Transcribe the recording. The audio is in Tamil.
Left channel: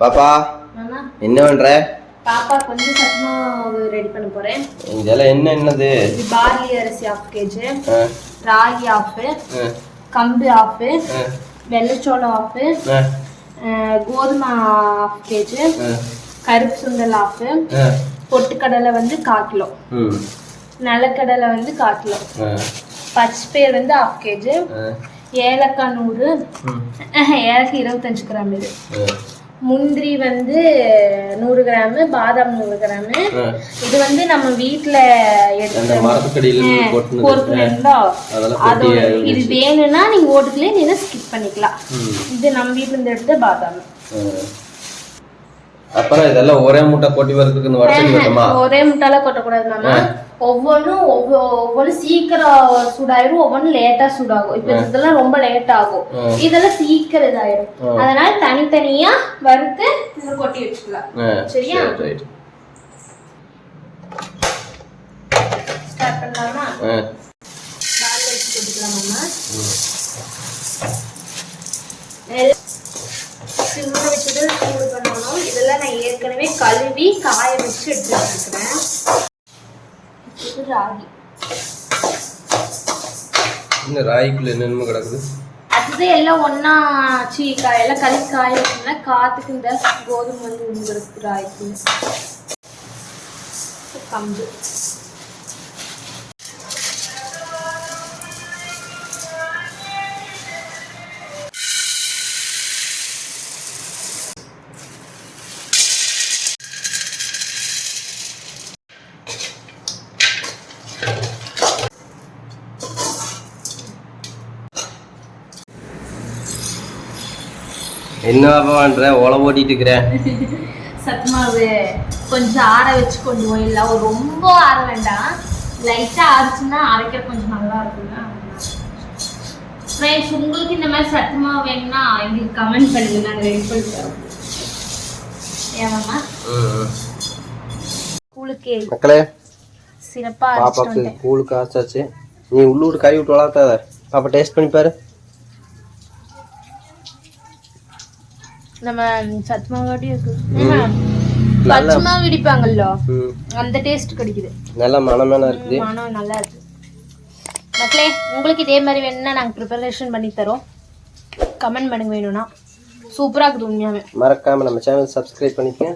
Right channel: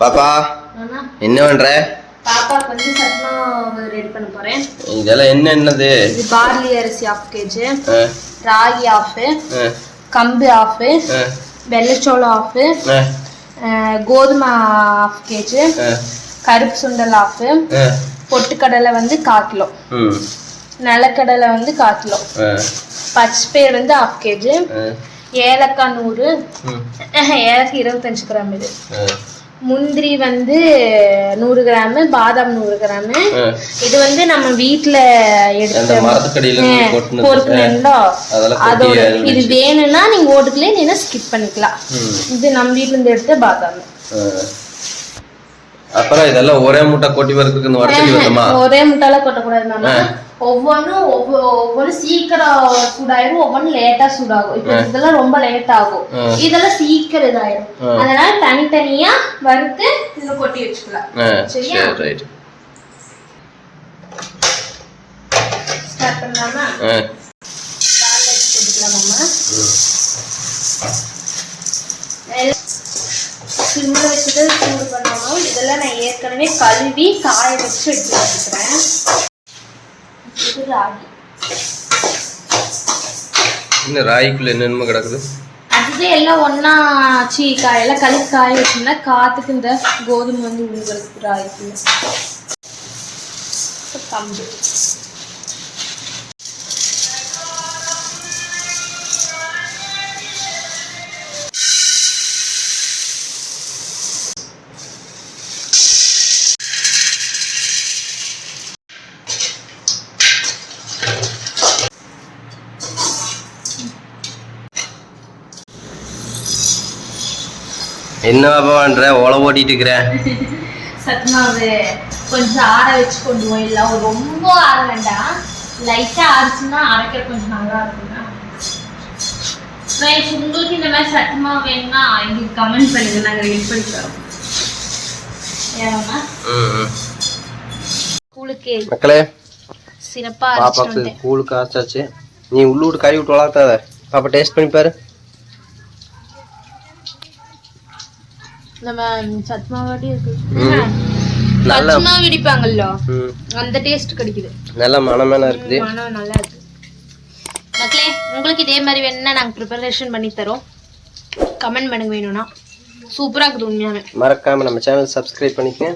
பாப்பா என்ன பண்ற? பாப்பாக்கு வந்து சத்மா ரெடி பண்ண போறேன். இதெல்லாம் என்ன என்னது? இது பார்லி அரிசி ஆஃப் கேஜி ராகி ஆஃப் ஆ, கம்பு ஆஃப் ஆ, வெள்ளைச்சோளம் ஆஃப் ஆ, கோதுமை ஆஃப் கேஜி கருப்பு சுண்டல் ஆஃப் ஆ. பொட்டுக்கடலை வந்து கால் கிலோ. நிலக்கடலை வந்து கால் கிலோ. பச்சைப்பயிர் வந்து ஆஃப் கேஜி ஏலக்காய் நூறு. ஏலக்காய் இருபத்தஞ்சு கிராம் இது. முந்திரி வந்து நூறு கிராமு பாதாம் நூறு கிராமு. இது வந்து நம்ம வீட்ல அந்த எடுத்த மரத்துக்கடியில அதெல்லாம் அது இது வேணும்னா நீங்க ஓட்டுக்கல இல்லைன்னா ஸ்கிப் பண்ணிக்கலாம். இது நம்ம வீட்ல இருந்து எடுத்த பாதாம். அப்புறம் இதெல்லாம் ஒரே மூட்டை கொட்டி வரதுக்கு இந்த வருஷம் வருமா ஒரே முட்டால கொட்டக்கூடாது நம்ம ஒவ்வொன்றும் ஒவ்வொரு ஒவ்வொரு சீக்கிரம் சூடாயிரும் ஒவ்வொன்றும் லேட்டா சூடாகும். இப்போ இதெல்லாம் ரொம்ப லேட் ஆகும். இதெல்லாம் சீக்கிரம் இதாயிரும். அதனால தனித்தனியா வறுத்து இதுல கொட்டி வச்சுக்கலாம். சரியா? ஸ்டார்ட் பண்ணலாமா? சிம்ல வச்சுட்டு சூடு பண்ணணும். இதெல்லாம் நான் ஏற்கனவே கழுவி காய வச்சு எடுத்து வச்சுக்கிறேன். இது ராகி இன்னும் ராய்க்குள்ள என்னென்னமோ கிடக்குது அதுதான் எல்லாம் ஒண்ணா சீ காய் எல்லாம் கழுவி காய வச்சோம்னா காத்துக்கு இந்த கோதுமை வந்து உழுகிறது ராய்க்கு கம்பு என்ன பண்ற? ஓலை ஓட்டிட்டு இருக்கிற? சத்துமாவு கொஞ்சம் ஆற வச்சு கொண்டு போயிடலாம் ஒரு ரொம்ப ஆற வேண்டாம் லைட்டா ஆறுச்சுன்னா அரைக்க கொஞ்சம் நல்லா ஃப்ரெண்ட்ஸ் உங்களுக்கு இந்த மாதிரி சத்துமாவு வேணும்னா எங்களுக்கு கமெண்ட் பண்ணுங்க. நாங்கள் ரெடி பண்ணி தரோம். மக்களே சிறப்பா பாப்பாக்கு கூழு காய்ச்சாச்சு. நீ உள்ளூர் கறி விட்டு வளர்த்தாத. பாப்பா டேஸ்ட் பண்ணி பாரு. நம்ம சத்துமாவாட்டி இருக்கு. நல்ல சத்துமாவு இடிப்பாங்கல்ல. ம், அந்த டேஸ்ட் கிடைக்குது. நல்ல மனமேன இருக்குது. மனம் நல்லா இருக்கு. மக்களே உங்களுக்கு இதே மாதிரி வேணும்னா நாங்கள் ப்ரிப்பரேஷன் பண்ணி தரோம். கமெண்ட் பண்ணுங்க வேணும்னா. சூப்பராக இருக்குது உண்மையாவே. மறக்காம நம்ம சேனல் சப்ஸ்கிரைப் பண்ணிக்கங்க.